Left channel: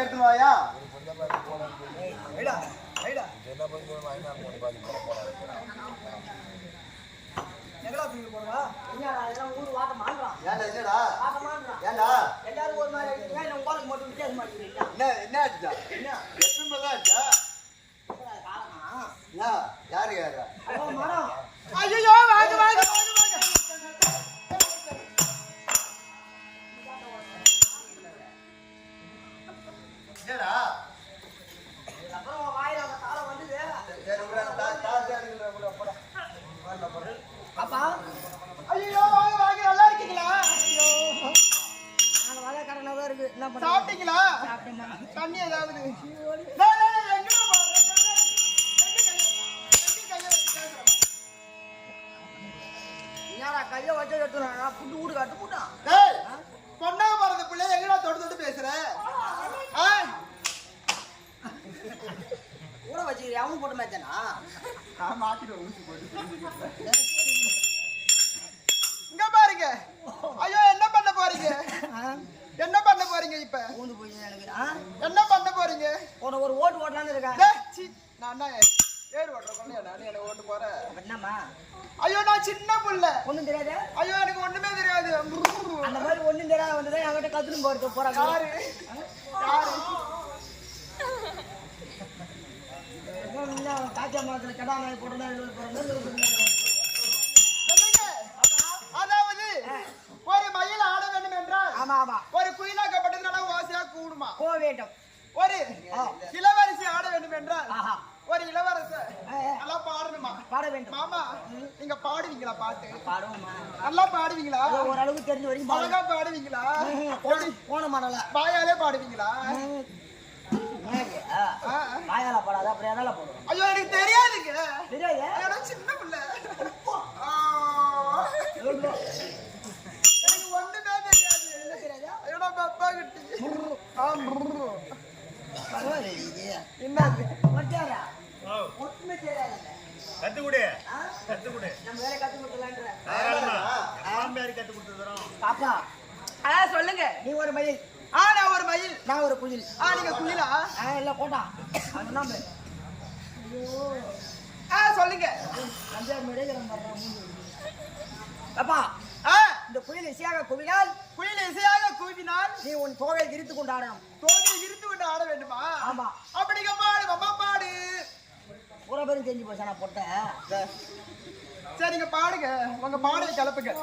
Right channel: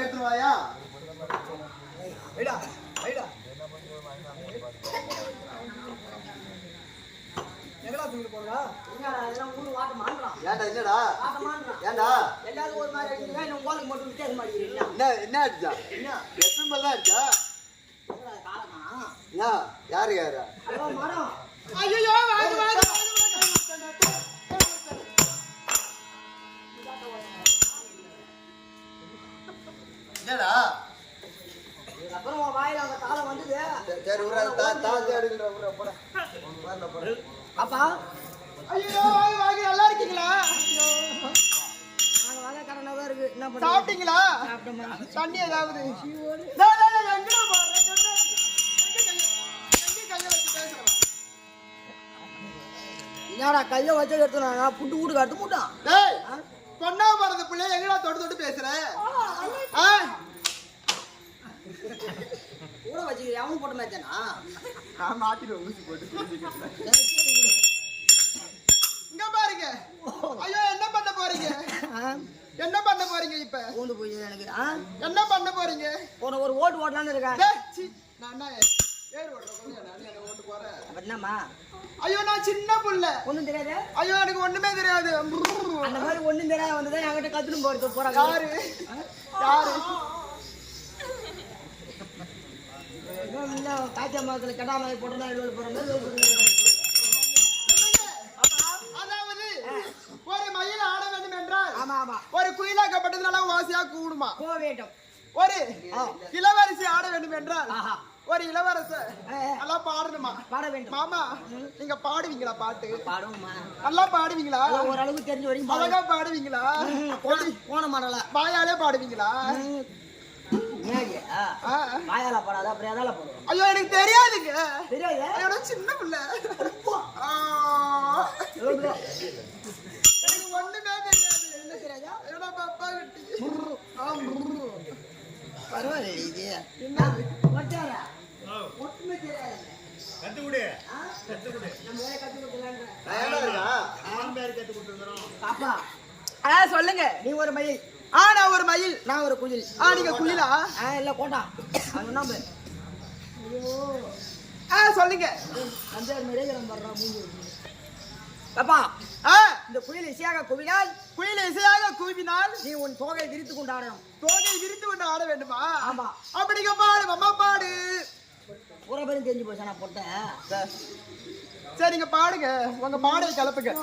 எடுத்துவாயா எங்கடா தூக்கிட்டு போறவா என்னடா இதெல்லாம் ஊரு வாட்ட மாட்டறான் ஏன்டா என்னடா வாட்ட மாட்டறான் ஏன்டா எல்லாரும் ஒரு மாதிரி அடிக்கிறீங்க என்ன உங்களுக்கு மட்டும் வித்தியாச மாட்டீங்க என்ன அடிச்சா என்ன எத்தனை தான் அடிச்சா என்னடா காலனா யாரு ஐயோ மரம் ஐயோ வாங்க என்னடா அப்புறம் வாயில அந்த காலம் வந்தது சரி தாத்தி எடுங்கற ஊர போட வரல போற அப்பா ஐயோ வாங்க நல்லா இருக்கீங்களா ஐயோ நாங்க வாங்க கடனவா இருக்கு என்ன பண்ண சாப்பிட்டீங்களா சாப்பிட்டோமா தண்ணி ஏதாவது நான் எங்கடா போறேன் எங்க கைய வச்சு பேசுறவா என்னடா கைய வச்சு எடுத்துறானா புட்டு ஊடு கட்டு மூட்டான் டேய் பொண்ணா பறந்த பிள்ளை எங்கடா தொட்டு பேசுற கூட வச்சு அவனும் போட்ட மாதிரி தானா நான் மாட்டிடுவேன் ஊசி போட்டு இங்க பாருங்க ஐயோ என்ன பண்ண போறீங்க இப்ப ஊந்து போய் எனக்கு என்ன பண்ண போறீங்க ஒரு ஓட்டு ஓட்டலான்னு இருக்கேன் நான் ஏறு ஓட்டுறேன் நான் என்ன ஓட்டு போறேன் என்னம்மா ஐயோ நான் சின்ன புள்ள ஒண்ணும் தெரியாது ஐயோ எனக்கு ஒண்ணுமே தெரியாது அந்த மாதிரி ஒண்ணும் தெரியாது வந்துதான் என்கிட்ட கத்துன்னு போறது போறாங்க யாரு காய்ச்சா மரத்துல கடா நாய் போட்டு போற மாதிரி அதாவது ஒரு மயில் ஆட வேண்டும் என்றால் ஆமா ஒரு குயிலாக்கப்பட்டதுனால வாசியா கூடுமா வேண்டும் ஒரு இளவரசி ஆட வேண்டும் என்றால் ஒரு இளவரசர் நல்லா பாடணுமா பாட வேண்டும் மாமா நீங்க பாடுவீங்களா பாட்டு பாடுவோமா நல்லா பாடுவீங்களா ஓரளவுக்கு தெரிஞ்ச வரைக்கும் அழகா பாடுவீங்களா போன மாடல வாயாலே பாடுவீங்களா வாயால படாத அப்புறம் எதால போடுவோம்? ஐயோ எனக்கு தெரியாதுங்க. தெரியாது? என்னோட சின்ன பிள்ளை. எனக்கு ஒண்ணுமே தெரியாது. என்ன தெரியாதா? என்னோட அப்பா கிட்டி. பரவாயில்ல. என்ன ஒட்டாரா? ஒட்டுமே தெரியாதுல்ல. கத்துக்குடு கத்துக்குடு நம்ம வேலை கத்து கொடுக்கலான்ற. கத்து கொடுத்துறோம். பாப்பா சொல்லுங்க. நீ ஒரு மயில், நான் ஒரு மயில், நான் ஒரு குயில். நீங்க குயிலா? இல்ல போட்டா அவன் நம்ப. ஐயோ சொல்லுங்க. நம்பியார் மாதிரியே நம்ம வர்றா மூஞ்சி வச்சு. பாப்பா இந்த குயில் இசையாக குவினால், குயில் இசையாக கூவினால் நீ உன் தோகை விரித்து கொண்டு ஆடணும். தோகை விரித்து கொண்டு ஆட வேண்டுமா? ஆமா. அப்படிங்க பாடு அம்மா பாடு. பூரா பேரும் தெரிஞ்சு போச்சு நான் போட்டேன். சரிங்க பாடுங்க, உங்க பாடலை கிளப்புங்க.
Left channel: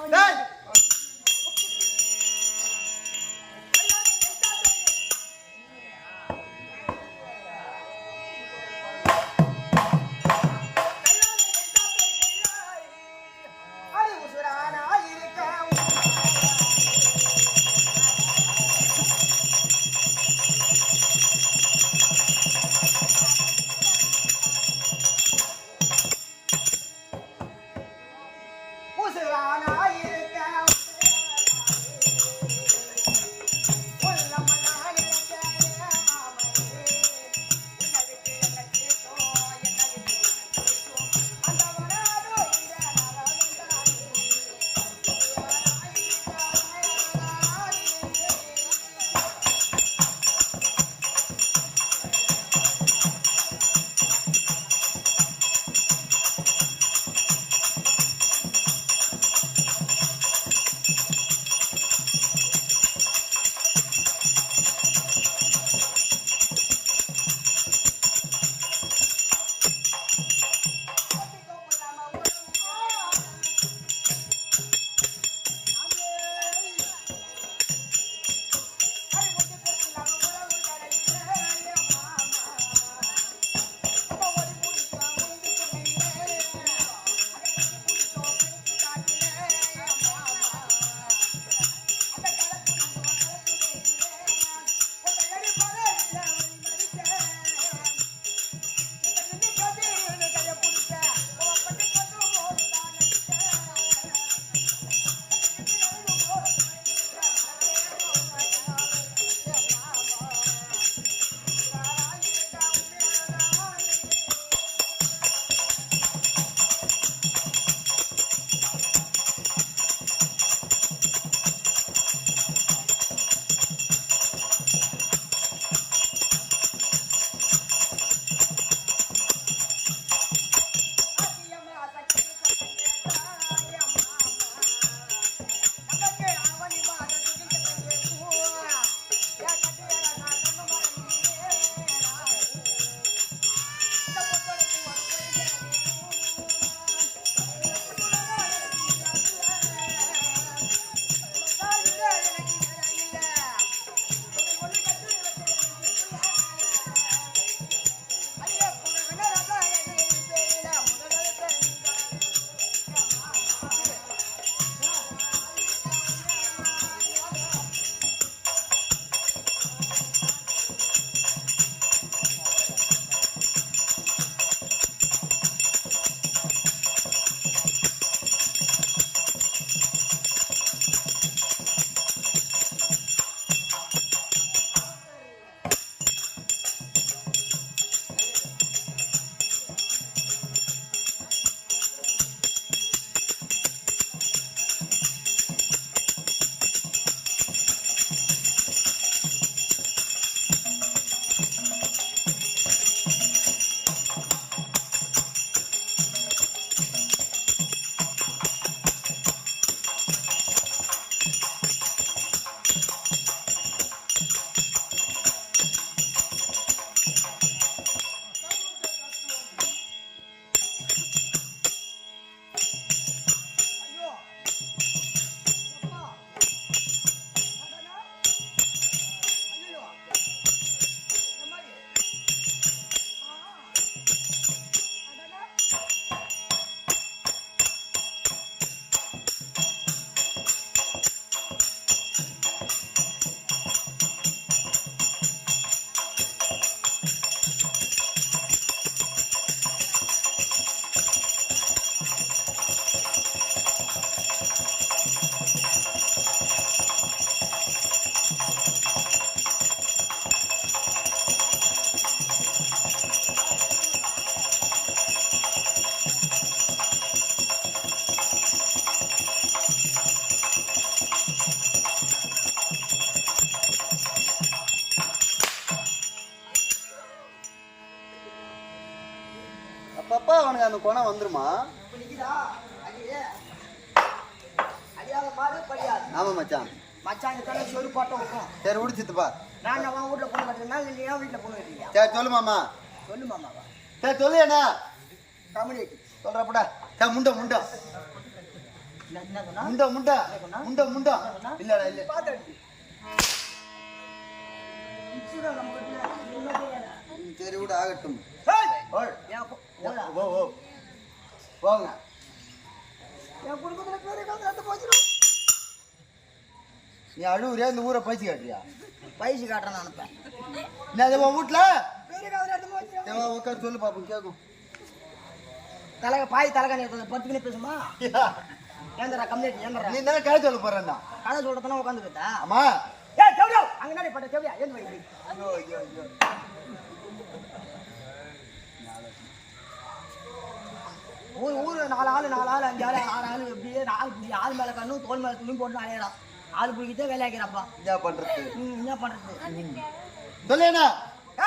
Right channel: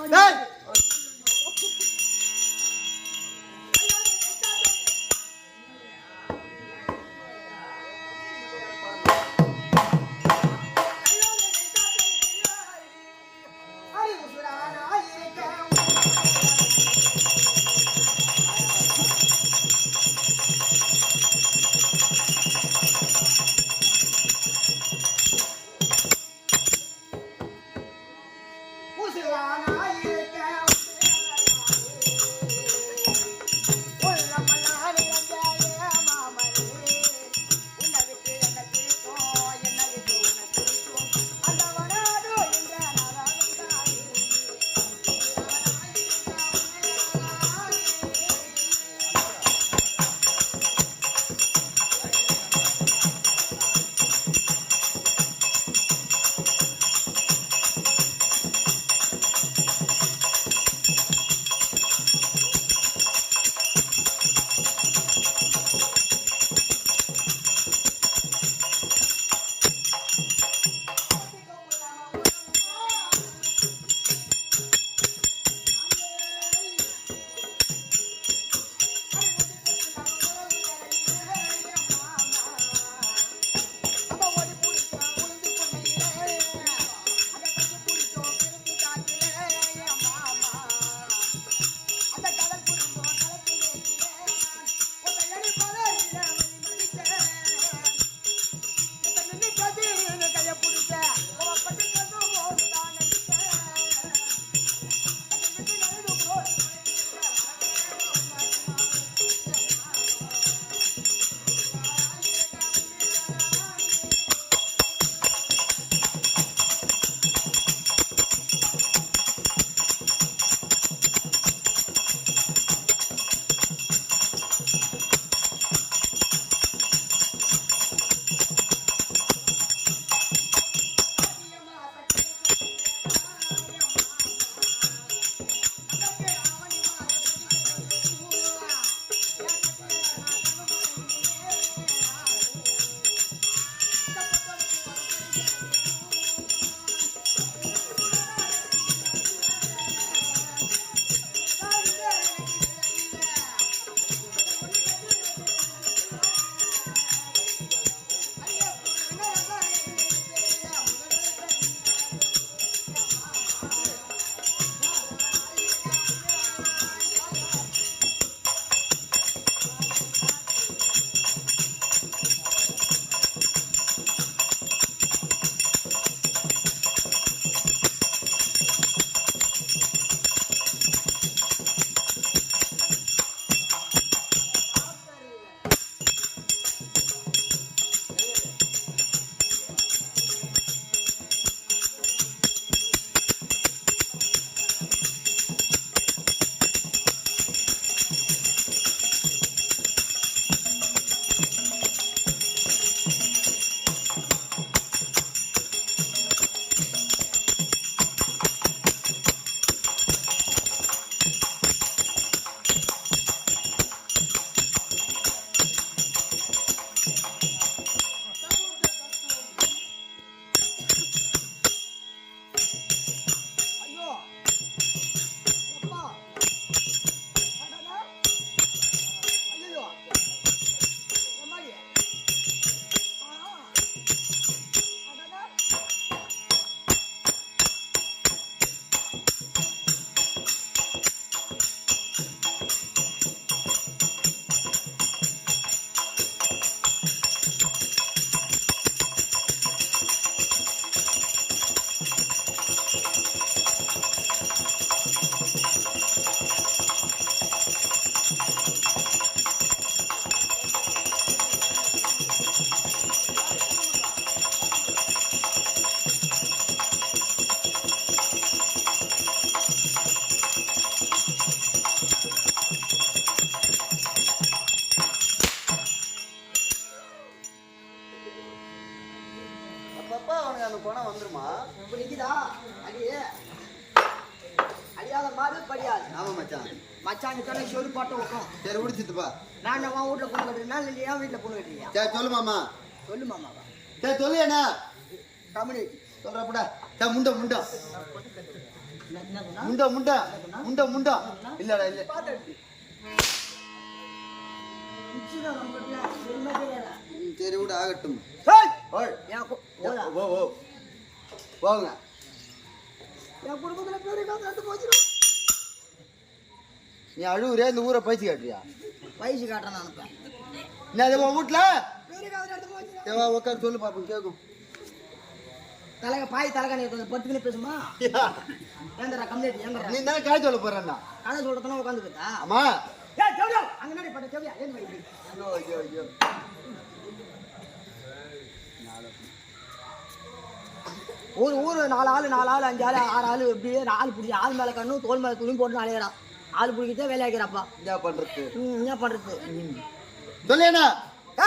அப்பா அவனுக்கு அந்த குணம் வந்துருமா? இப்ப நிக்குதா அடி அடியாத மாடு படியாது. ஆமா மச்சான். மச்சாங்க தானே சொரு பாட்டம் வைக்கும். சரி உடிச்சிட்டுப்பா. நான் உன் வீட்டுல பொண்ணு கட்டுறேன்னா இல்லை என் வீட்டுல பொண்ணு கட்டுறியா? சரி சொல்லு மாமா. சொல்லு மாமாவா? சரி சொல்லு என்ன கம்யூனிட்டி சொல்றப்படா. சரி முண்டை முண்டை என்ன சொன்னா? முண்டை முண்டை முண்டை முண்டை இல்லடா இல்ல. நம்ம கிட்ட எதுவுமே தெரியாதா? சரி விடு ஆகட்டும். ஏய்! ஓய். என் ஓ ஓ போங்க. என் குடும்பத்துல பேரு காத்து போச்சிடும். நீ அழுவுறியா இந்த ஊரை பயிற்சி காட்டுறியா? பயிற்சி காட்டுறேன் நான் அனுப்பேன். என்ன உன் வீட்டுல பேரு காத்து போச்சிடும். உட்காந்து சொல்லு பாப்போம் கேட்கும். பாய் தலைகாணி பத்துக்குன்னு பேசுமா? ஏந்தரா கம்யூனிட்டி ஏந்தரா நீ என்ன கதை சொல்ல போறேன்னா? கதை சொல்றதுனா உட்காந்துக்கிட்டா? ஆமா. ஏய் செவ்வியா அங்க நாடி பட்ட செவ்வியா ஏந்து வடி. ஐயோ ஐயோ ஐயோ. ஊரு 4 ஆளு 5 ஆளு 6 ஆளு இப்படியே 4 புடி ஆள் மேல கண்ணு தோல் மேல துணி போட்டு அலையறான். ஆள் புடிக்கிட்டே வேலையாக்கிறப்பா. என்ன பண்றது? என்ன பண்றது? சொல்லேனா?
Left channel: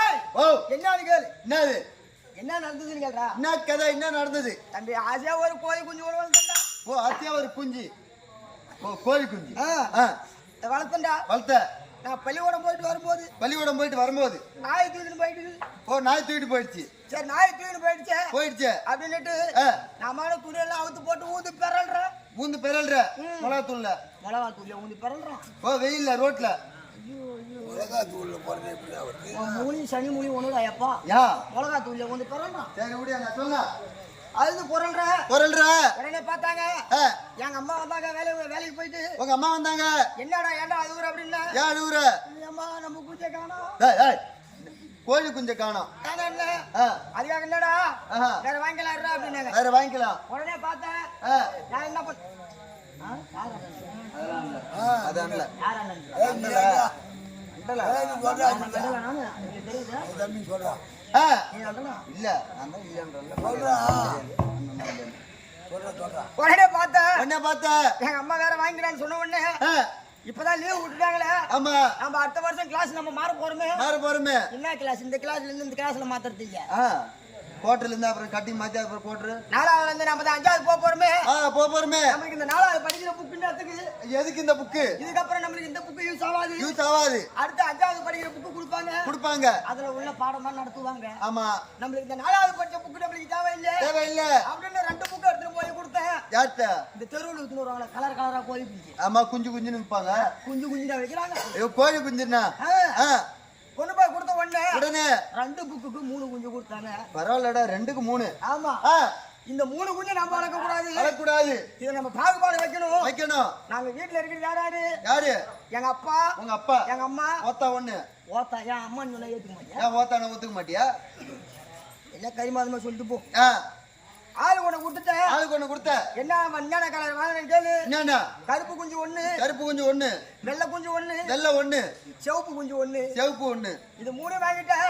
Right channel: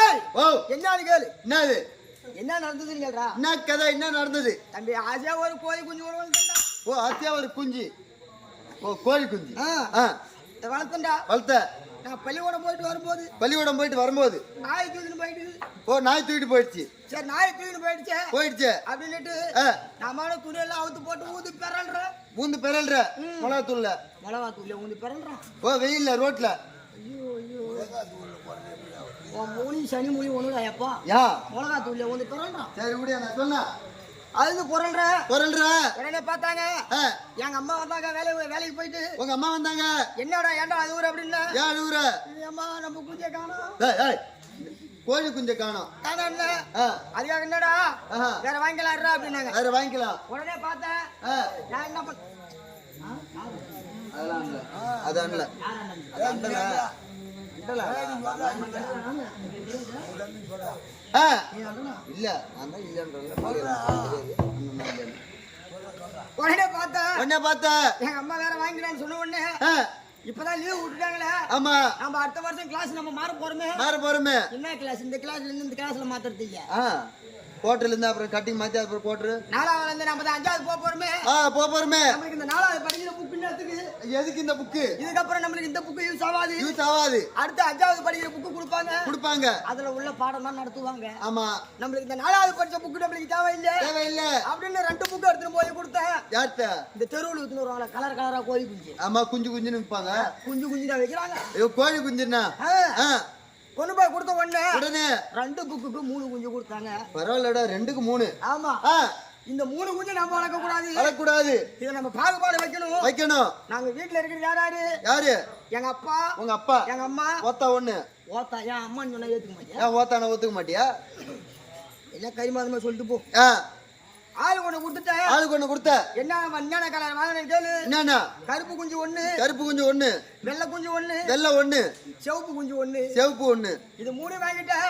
ஏய் ஓ என்னன்னு கேளு. என்னது? என்ன நடந்ததுன்னு கேளுடா. என்ன கதை என்ன நடந்தது? தம்பி ஆசையா ஒரு கோழி குஞ்சு ஒரு வளர்த்தண்டா. ஓ அத்தியா ஒரு குஞ்சு. ஓ கோழி குஞ்சு. வளர்த்தண்டா. வளர்த்த. நான் பள்ளிக்கூடம் போயிட்டு வரும்போது நாய் தூக்கிட்டு போயிட்டு. ஓ நாய் தூக்கிட்டு போயிடுச்சு. சரி நாய் தூக்கிட்டு போயிடுச்சு அப்படின்னுட்டு நாம துணியெல்லாம் அவுத்து போட்டு ஊந்து பெறல்றேன். ஊந்து பெறல்ற மிளகா தூள்ல. மிளகா தூள்ல ஊந்து பெறல்றான். ஓ வெயில்ல ரோட்ல. ஐயோ உன் மூணி சனி மூணி ஒண்ணுடா எப்பா. யா மிளகா தூள்ல ஊந்து பெறல்றான். சரி விடியா நான் சொன்ன. அது பொருள்ற உடனே பார்த்தாங்க எங்க அம்மா வந்தாங்க வேலைக்கு போயிட்டு. உங்க அம்மா வந்தாங்க. என்னடா ஏன்டா அது ஊர் அப்படின்னா? ஏன் அழுவுற? அம்மா நம்ம குஞ்சை காணோம். கோழி குஞ்சை காணோம். அதுக்காக என்னடா வேற வாங்கிக்கலாம் அப்படின்னாங்க. வேற வாங்கிக்கலாம். உடனே பார்த்தேன் நான் என்ன பண்ண அதெல்லாம் இல்ல. அதான் இல்ல. யார் அண்ணன்? அண்டல அண்டல இல்ல நான் தான் இல்லன்றல மலையில தெரியாது. அண்ணன் உடனே பார்த்தேன் எங்க எங்க அம்மா வேற வாங்கிக்கலான்னு சொன்ன உடனே இப்பதான் லீவ் விட்டுட்டாங்களே. ஆமா நம்ம அடுத்த வருஷம் கிளாஸ் நம்ம மாற போறோமே. என்ன கிளாஸ்? இந்த கிளாஸ்ல இருந்து இந்த கிளாஸ்ல மாத்துறது இல்ல. கோட்டர்ல இருந்து அப்புறம் கட்டிங் மாத்தி அப்புறம் கோட்டர் 4வது இருந்து நம்ம 5வது போறோமே. நம்மளுக்கு இந்த 4வது படிக்கிற புக்குன்றதுக்கு எதுக்கு இந்த புக்கு? இதுக்கப்புறம் நம்மளுக்கு இந்த புக்கு யூஸ் ஆகாது. அடுத்து 5வது படிக்கிற புக்கு கொடுப்பாங்க. அதுல உள்ள பாடம் தான் நடத்துவாங்க. ஆமா நம்மளுக்கு இந்த 4வது படிச்ச புக்கு நம்மளுக்கு தேவையில்ல அப்படின்னு 2 புக்கு எடுத்துட்டு போய் கொடுத்தேன். யார்ட்ட? இந்த தெருவுல ஊத்துன்னு வருவாங்க கலர் கலரா கோழி குஞ்சு. ஆமா குஞ்சுன்னு விற்பாங்க. குஞ்சு தான் வைக்கிறாங்க. ஐயோ கோழி குஞ்சுன்னா கொண்டு போய் கொடுத்த உடனே 2 புக்குக்கு 3 குஞ்சு கொடுத்தாங்க. பரவாயில்லடா 2க்கு 3. ஆமா இந்த 3 குஞ்சு நம்ம வளர்க்கக்கூடாது. இதை நம்ம பாகுபாடு வைக்கணும். நாங்க வீட்டுல இருக்கிறது யாரு? எங்க அப்பா, உங்க அப்பா, எங்க அம்மா. ஓத்தா ஒண்ணு. ஓத்தா என் அம்மான்னு சொன்னா ஏத்துக்க மாட்டியா? ஓத்தான ஒத்துக்க மாட்டியா? எல்லாம் கரிமாதமா சொல்லிட்டு போ. ஆளு கொண்டு கொடுத்த என்ன கலர் வாங்கினேன்னு கேளு. என்னன்னா? கருப்பு குஞ்சு 1, வெள்ளை குஞ்சு 1, சிவப்பு குஞ்சு 1. இது 3 வாங்கிட்டேன்.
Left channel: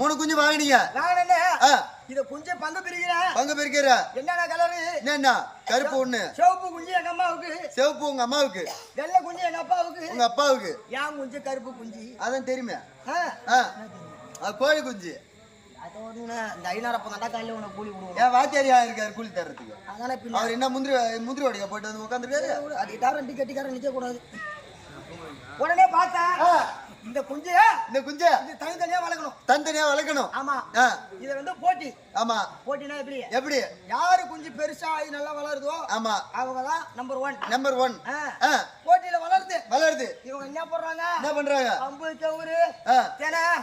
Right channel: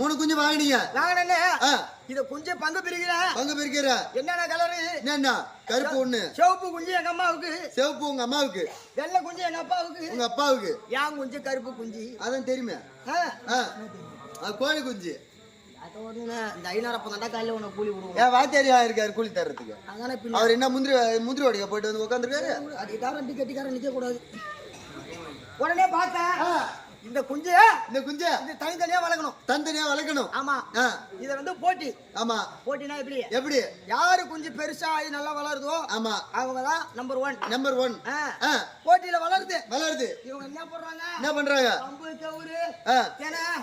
3 குஞ்சு வாங்கினீங்க. இத குஞ்சு பங்கு பிரிக்கிற. என்னென்ன கலரு? என்னன்னா? கருப்பு 1, சிவப்பு குஞ்சு எங்க அம்மாவுக்கு, சிவப்பு உங்க அம்மாவுக்கு, வெள்ளை குஞ்சு எங்க அப்பாவுக்கு, உங்க அப்பாவுக்கு. ஏன் குஞ்சு கருப்பு குஞ்சு? அதான் தெரியுமே. கோழி குஞ்சு இந்த 5,000 தாண்டா கையில உனக்கு கூலி கொடுக்கும். ஏன் வாத்தியாரியா இருக்காரு கூலி தர்றதுக்கு? அதானே அவர் என்ன முந்திரி வடிக்க போயிட்டு வந்து உட்காந்துருக்காரு. அடிக்காரன் டிக்கெட்டிக்காரன் நிக்க கூடாது. உடனே பார்த்தேன் இந்த குஞ்சு இது தனித்தனியா வளர்க்கணும். ஆமா இது போட்டி. ஆமா போட்டினா எப்படி? யாரு குஞ்சு பெருசா ஆகி நல்லா வளருதோ ஆமா அவங்கதான் நம்பர் 1. போட்டியில வளருது. இவங்க என்ன பண்றாங்க? கம்பு, சவுறு,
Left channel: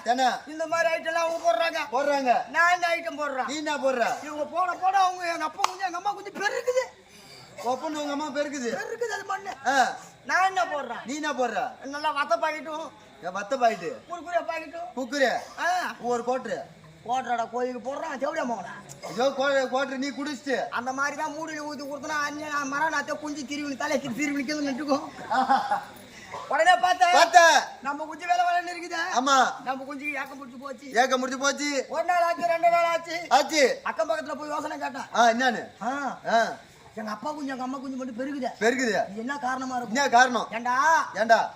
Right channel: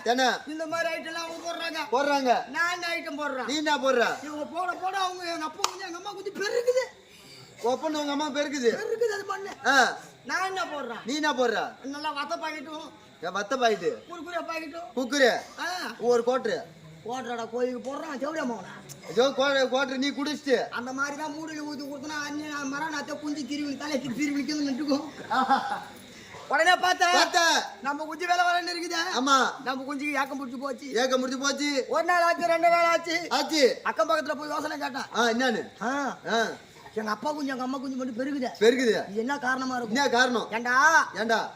தெனை இந்த மாதிரி ஐட்டம் எல்லாம் அவங்க போடுறாங்க. நான் என்ன ஐட்டம் போடுறேன்? நீ என்ன போடுற? இவங்க போட அவங்க எங்க அப்பா குஞ்சு எங்க அம்மா குஞ்சு பெருக்குது. ஒப்பன் உங்க அம்மா பெருக்குது அது மண்ணு. நான் என்ன போடுறேன்? நீ என்ன போடுற? நல்லா வத்த பாக்கெட்டும் வத்த பாக்கெட்டு குறுக்குறே பாக்கெட்டும் குக்குரே ஒரு கோட்ரு போடுறாடா கோயிலுக்கு போடுறான். செவிடியா மோனா ஐயோ கோட்ரு நீ குடிச்சிட்டு அந்த மாதிரி தான் மூடியில் ஊற்றி கொடுத்தனா அண்ணன் மரம் நாத்த குஞ்சு திருவி தலைக்கு திருவிழிக்கிறது நட்டுக்கும். உடனே பார்த்தேன் நம்ம குஞ்சு வேலை வரன்னு இருக்குது. ஆமா நம்ம குஞ்சுக்கு ஏக்கம் முடிச்சு போச்சு. ஒரு நாள் ஆச்சு 2 நாள் ஆச்சு. அக்கம் பக்கத்துல போய் யோசனை கேட்டேன். என்னன்னு? எங்க அப்பா குஞ்சு எங்க அம்மா குஞ்சு மட்டும் பெருகுது. இது என்ன காரணமா இருக்கும்? என்ன காரணம்? ஏண்டா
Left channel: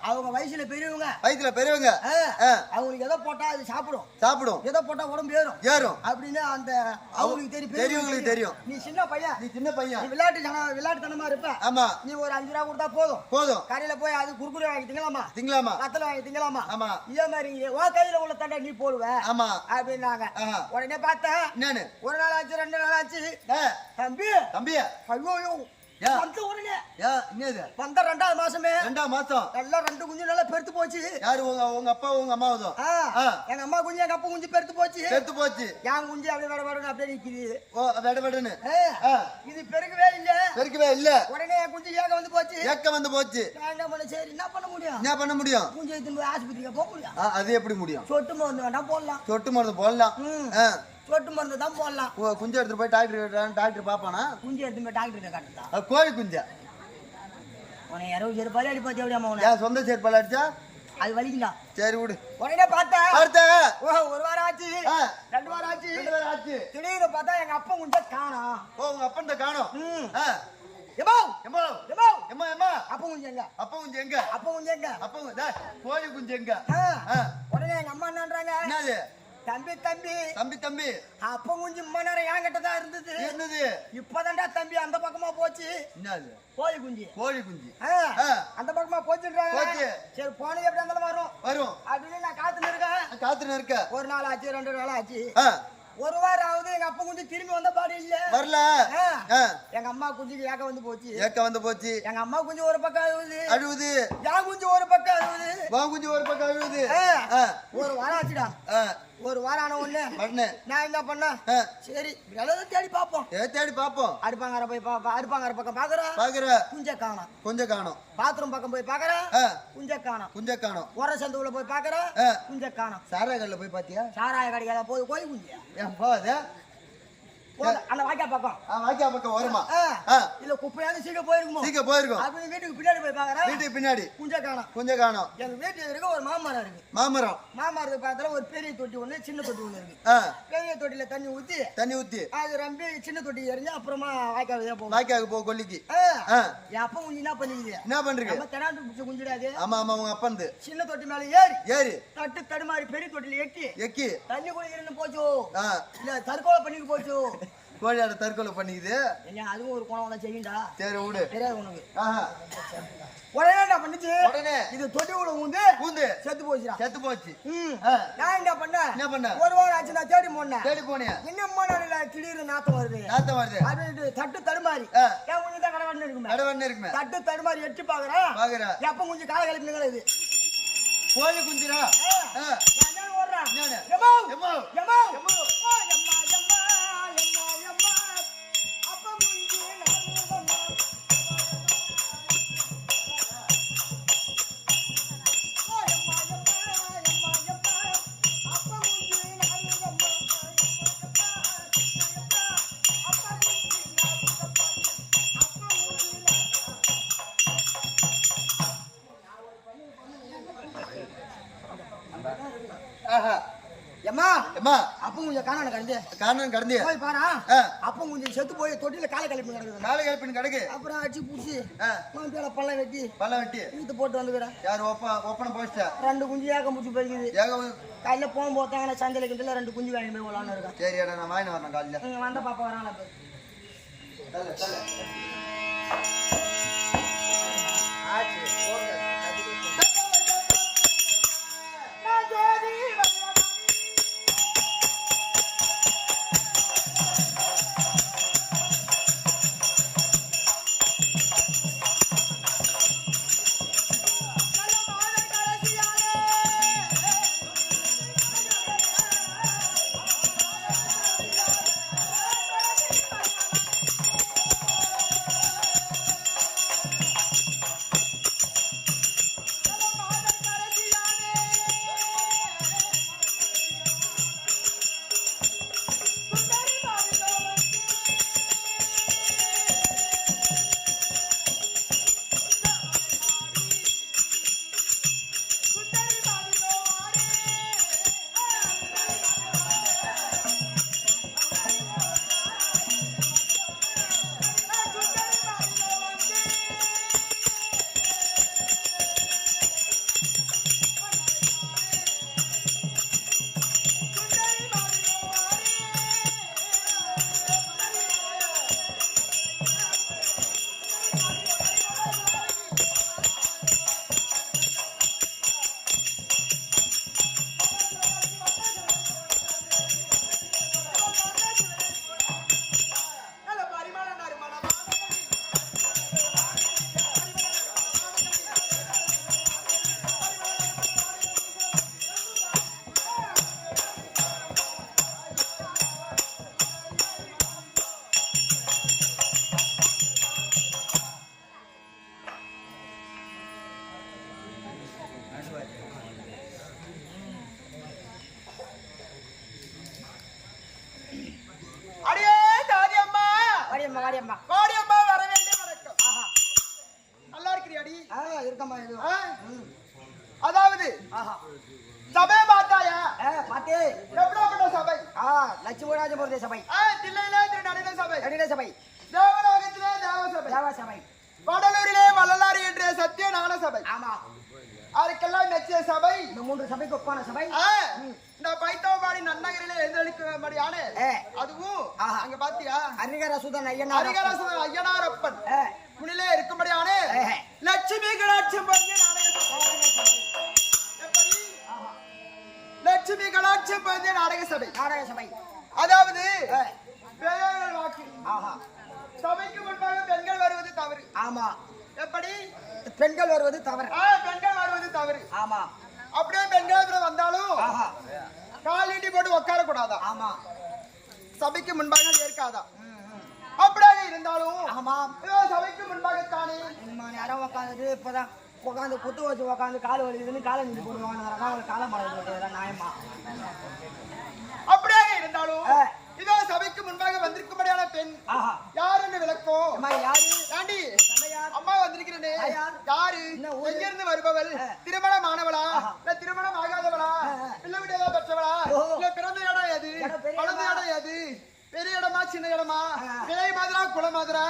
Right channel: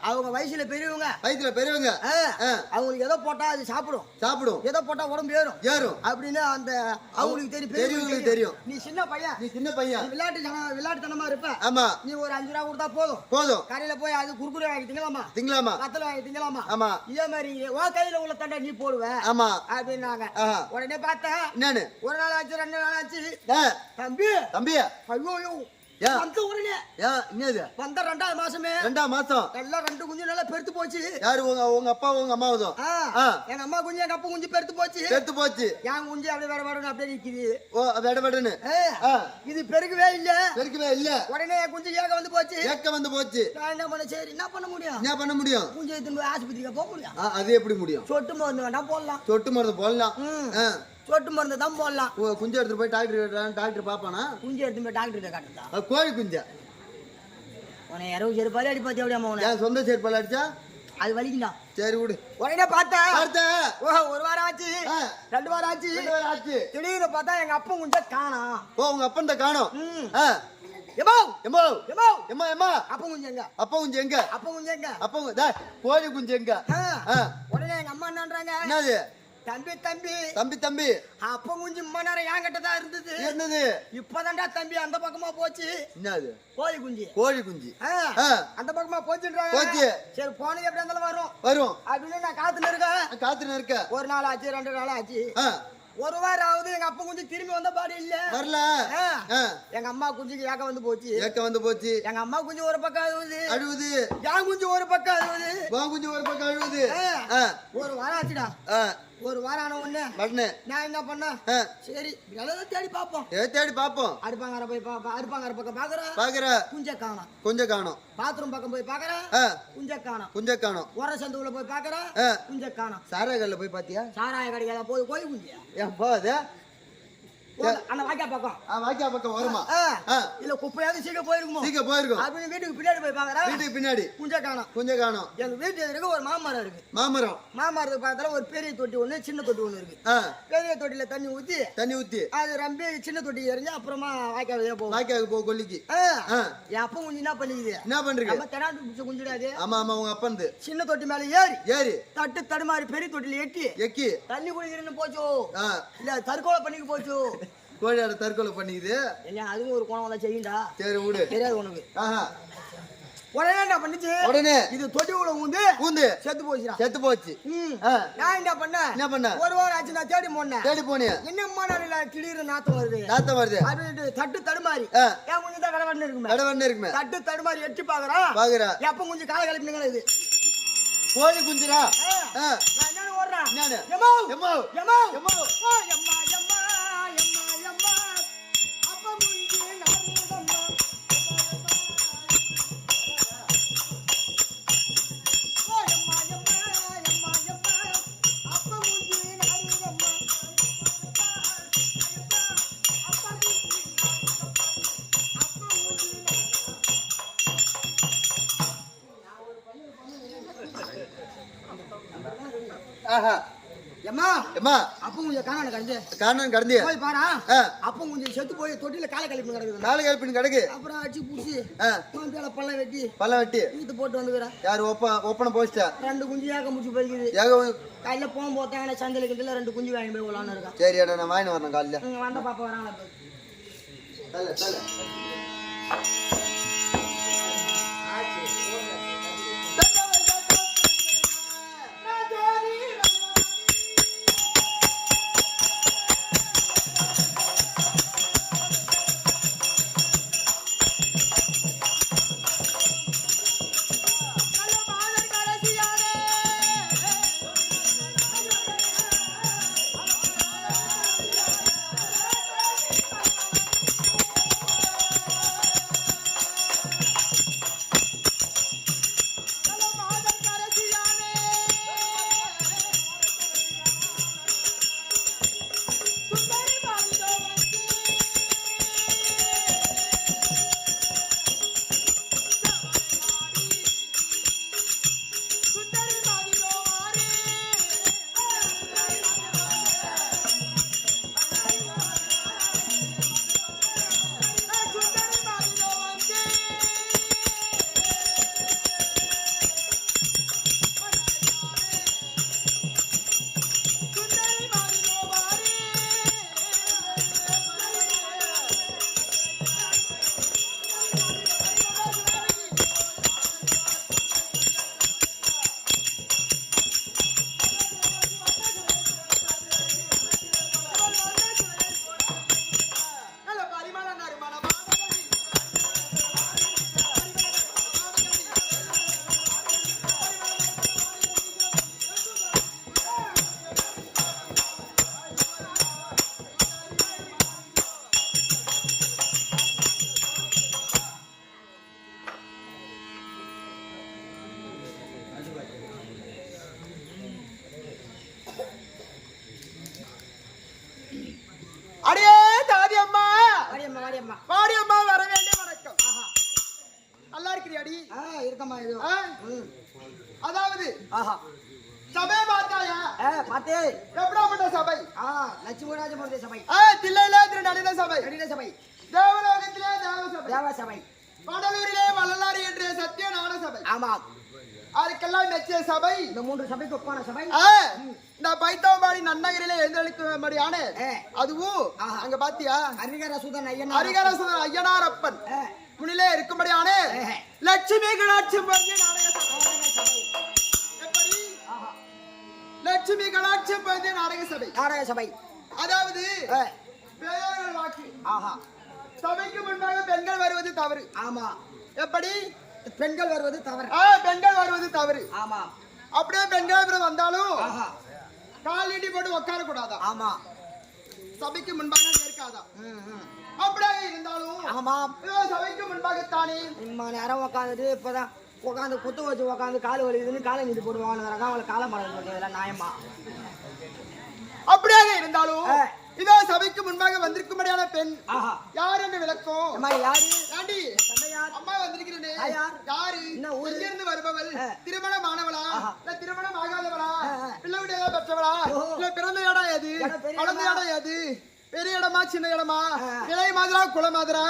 அவங்க வயசுல பெரியவங்க அவங்களுக்கு எதை போட்டா அது சாப்பிடும், எதை போட்டா உடம்பு ஏறும் அப்படின்னு அந்த அவங்களுக்கு தெரியும். நீ சின்ன பையன், நீ விளையாட்டுத்தனமா இருப்ப. ஆமா, நீ ஒரு 5 ரூபா கொடுத்தா போதும் கடையில போய் அது குறுக்குறை வாங்கி திங்கலாமா, கத்தல வாங்கி திங்கலாமா. இதே மாதிரி உன் கையில உள்ள தண்டை நீ போடுவ அப்படின்னாங்க. உடனே பார்த்தேன் ஒரு நாள் ஆச்சு 2 நாள் ஆச்சு. தம்பி ஐயோ வந்த உடனே வந்த 2வது மாசமே எல்லாம் 2 குஞ்சு நல்லா பெருத்து போச்சு. யாரு? உங்க அப்பா உங்க அம்மாவும்? எங்க அம்மா குஞ்சு எங்க அப்பா குஞ்சு பெருத்து போச்சு. என் குஞ்சு அப்படியே வெடவடன்னு அப்படியே நிக்குது. வெடவடன்னு இது பெருக்கவே இல்ல. உடனே என் குஞ்சு ஏக்க வந்து போச்சு. நான் என்ன பண்ண? சரி என்ன பண்ண முடியும்? குஞ்சு எடுத்து போய் ஆஸ்பத்திரிக்கு போக முடியும்? அது எப்படி முடியும்? சொட்டு மருந்து வேணா போடலாம். சொட்டு மருந்து தான் போடலாம். குஞ்சு எடுத்து போய் டாக்டர் பாப்பானா? குஞ்சு எடுத்து போய் டாக்டர் காட்டுறதா? கோழி குஞ்சா? உன 20 செருப்பாலே அடிப்பாச்சு. அப்படியே அம்மா சொந்த செருப்பால அடிச்சா அது வலிக்குண்டா. சரி விடு. உடனே பார்த்தேன் ஒரு வாரம் ஆச்சு, 2 வாரம் ஆச்சு. திடீர்னு பார்த்தா எங்க அப்பா குஞ்ச காணோம். உங்க அப்பன் தான் காணோம். கோழி குஞ்சு எங்க? உடனே எங்க அம்மா என்னன்றாங்க, தம்பி அப்ப குஞ்சு நேரம் என்கிட்ட தான் இருந்தது. இப்பதான்டா தம்பி அந்த பக்கமா போச்சு. கோழி குஞ்சு அந்த பக்கமா போச்சுன்றாங்க. சரி போனது எப்படி இருந்தாலும் வரும் அப்படின்னு நான் காத்துன்னு இருக்கேன். 1 நாள் ஆச்சு, 2 நாள் ஆச்சு, ஒரு வாரம் ஆகுது. எங்க அப்பா குஞ்சு திரும்பி வந்த பாடு இல்ல. வரல. எங்க அம்மா குஞ்சுக்கு ஏக்க வந்து போச்சு. எங்க அம்மா குஞ்சு ஒரு பக்கம் அழுவுது. என் குஞ்சு ஒரு பக்கம் அழுவுது. ஒரு வாரம் ஆச்சுடா. ஒரு வாரம் ஆன உடனே நான் என்ன பண்ணேன், சரி தேடி பாப்போம். அடுப்பாங்கற பக்கம் பாக்குறேன், குஞ்ச காணோம். பாத்ரூம் பக்கம் போய் பாக்குறேன், குஞ்ச காணோம். உர சந்துக்குள்ள போய் பாக்குறேன், குஞ்ச காணோம். சாராய கடையில போய் பாத்தியா? சாராய கடையில போய் கோழி குஞ்சியா? ஏன் போகுது? அந்த வாய்க்கா பக்கம் வருமா? இல்ல குப்பையாவது சீக்கிரம் போயிருக்கும். அப்படின்னு வீட்டுக்கு பின்னாடி போய் பாக்குறேன், குஞ்ச காணோம். எங்க வீட்டு எதிர்க்க ஒரு மாமரம் இருக்கு. மாமரத்துக்கு பக்கத்துல ஒரு பெரிய தொட்டி ஒண்ணு, சின்ன தொட்டி ஒண்ணு இருக்கு. பெரிய தொட்டில தண்ணி ஊத்தி அது ரொம்ப சின்ன தொட்டி எறிஞ்சு அப்புறமா வாய்க்காவுக்கு போ கொல்லிக்கு. என் அப்பா குஞ்சு என்ன பண்றீங்க? தெனாட்டு பிடிச்ச குஞ்சுடாது. ஆமா உங்க அப்பா சின்ன தொட்டி மேல ஏறி தடுமாறி பெரிய தொட்டில எக்கி தண்ணி குடிக்கிறேன்னு போச்சோ, இல்ல தற்கொலை பண்ணிக்கு போச்சோ. கோழியாட தற்கொலை பண்ணிக்குது. அதுவும் ஒரு கோணம் செய்யுண்டா. சரி விடு, தெரியாது உனக்கு. உடனே என்ன பண்ணுச்சு, இது தொட்டி உள்ள ஊந்து செத்து போச்சு. நான் என்ன பண்ண, ஒரு வாரம் ஆச்சு நான் தேடி போனேன். என்னம்மா நான் திடீர்னு நாத்தம் வருது அப்படின்னு தட்டு தடுமாறி என் குஞ்சு தான் கடவண்ணு இருக்குமே. தட்டு தடுமாறி எட்டி பாக்குறேன், எப்ப குஞ்சு கால கலப்பினுங்களா இது கோழி குஞ்சுரா. நான் என்ன ஓடுறேன், அப்ப குஞ்சு அப்ப கொஞ்சம் காணான கடந்து போய் பாரா. அப்ப கொஞ்சம் செத்து போய் தொட்டில காலை கழிப்பு கிடக்கு. அப்புறம் அடிச்சு புடிச்சு பல்ல வெட்டி இழுத்து போட்டு வந்துக்கிறேன். யாரு ஒப்பனை போச்சா? 2 குஞ்சு ஏக்க முடிச்சு போயிருக்குது. கையில போகும் போத்தாங்க சந்தையில கிட்ட 2 குஞ்சு வாங்கி போய் விளான்னு இருக்கேன். சரி நான் வாங்கி வரேன் காலையில. வந்த பாப்பா வராங்களா? வாடியம்மா வாடியம்மா வர வேண்டிய வணக்கம். ஆஹா நல்லா இருக்கிறியாடி? இருக்கம்மா இது அதாவது ஆஹா சபை பார்த்தாயா? பாத்தே எப்படிப்பட்ட சபை? லட்சுமிராஜபுரத்தை சபை, தில்லையிலே திருநடின சபை, கடின சபை, தேவலோகத்திலே தேவ சபை, தேவ சபை, வடலூரிலே வள்ளலார் என்ற சத்திய ஞான சபை, ஆமா அதுக்கெல்லாம் மெச்சிய சபை. இந்த 3 சபைக்கு ஒப்பான சபை. இந்த பைத்தவபாடி நன்னகரிலே எழுந்தளிக்கும்படியான அதுவும் அங்க பாத்தியா ஹரிகரசுதன் ஐயனார் ஹரிகரசுதன் ஐயனாரப்பன் முன்னிலே இருக்கும்படியான லட்சுமி கடாட்சம் பொருந்திய நாடக சபை. எப்படி? லட்சுமி கடாட்சம் பொருந்திய நாடக சபை. நாடக சபை அதாவது பெரியோர்கள் வாக்கு. ஆஹா சபைக்கு முன்பாக பெண்கள் வருவது தவறு. ஆமா. எப்படி? பெண்கள் வருவது தவறு. பெண்கள் வருவது தவறு. ஆமா. அப்படியே பெண்கள் வந்தாலும் கால் நீட்டி போட்டு உட்கார கூடாதா? ஆமா. சபைக்கு முன்பாக ஏற்காதா? அப்படியே இருந்தாலும் ஆமா சபைக்கு முன்பாகத்தானே நேரம் உட்காந்துட்டு இப்பதான் உட்காந்து குத்து வச்சு உட்காந்து கால் வலிக்குதுன்னு காலை நீட்டி போடுவாங்க. அவங்களுக்கு காலம் பழக நியாயமா? அப்படியாக இருந்தாலும் இதோ சபைக்கு முன்பாக வந்திருக்கும்படியான பெண் யார் என்று விளக்கம்? யாரு? ஆண்டி அம்மா வந்திருக்கிறேனே யாரு? எங்கிருந்து வருபவள்? திருமணமானவளா இல்ல திருமணம் ஆகாதவளா இல்ல விட ஏதாவது பெற்றவளா இல்ல பிறந்த இடம் எது வளர்ந்த இடம் எது? பெரிய இடமா சின்ன இடமா கிளை மாதிரா குள மாதிரா?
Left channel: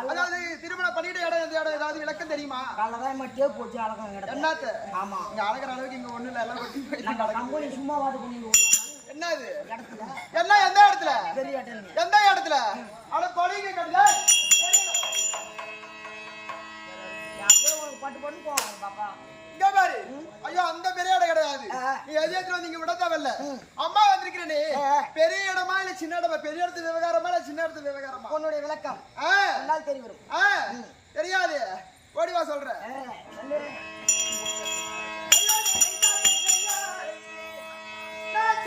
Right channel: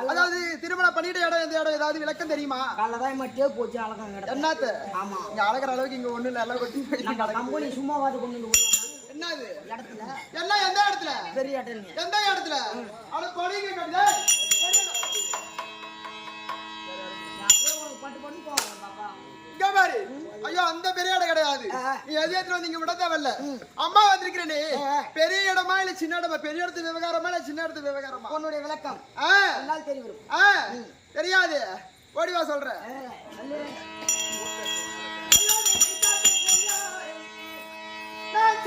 அதாவது திருமணம் பண்ணிட்ட இடம் எந்த இடம் ஏதாவது விளக்கம் தெரியுமா? காலதான் மட்டும் போச்சு அழகம் என்னத்த? ஆமா இங்க அழகிற அளவுக்கு இங்க ஒண்ணு இல்ல எல்லாம் கொட்டி நம்ம கம்பெனி சும்மாவாது கொண்டு என்னது இடத்துல என்ன எந்த இடத்துல? பெரிய இடத்துல. எந்த இடத்துல? அட பொடிங்க கட்டுதா பட்டு பட்டு போவாங்க பாப்பா. இங்க பாரு. ஐயோ அந்த பெரிய இடம் கிடையாது. நீ எதிரத்துல வந்து இங்க விட தேவையில்ல. அம்மா வந்திருக்கிறேனே பெரிய இடமா இல்ல சின்ன இடமா? பெரிய இடத்து விவகாரமா இல்ல சின்ன இடத்து விவகாரமா? உன்னுடைய விளக்கம் என்னால் தெரிய வரும். தெரியாது. ஓடிவா சொல்றேன். நான்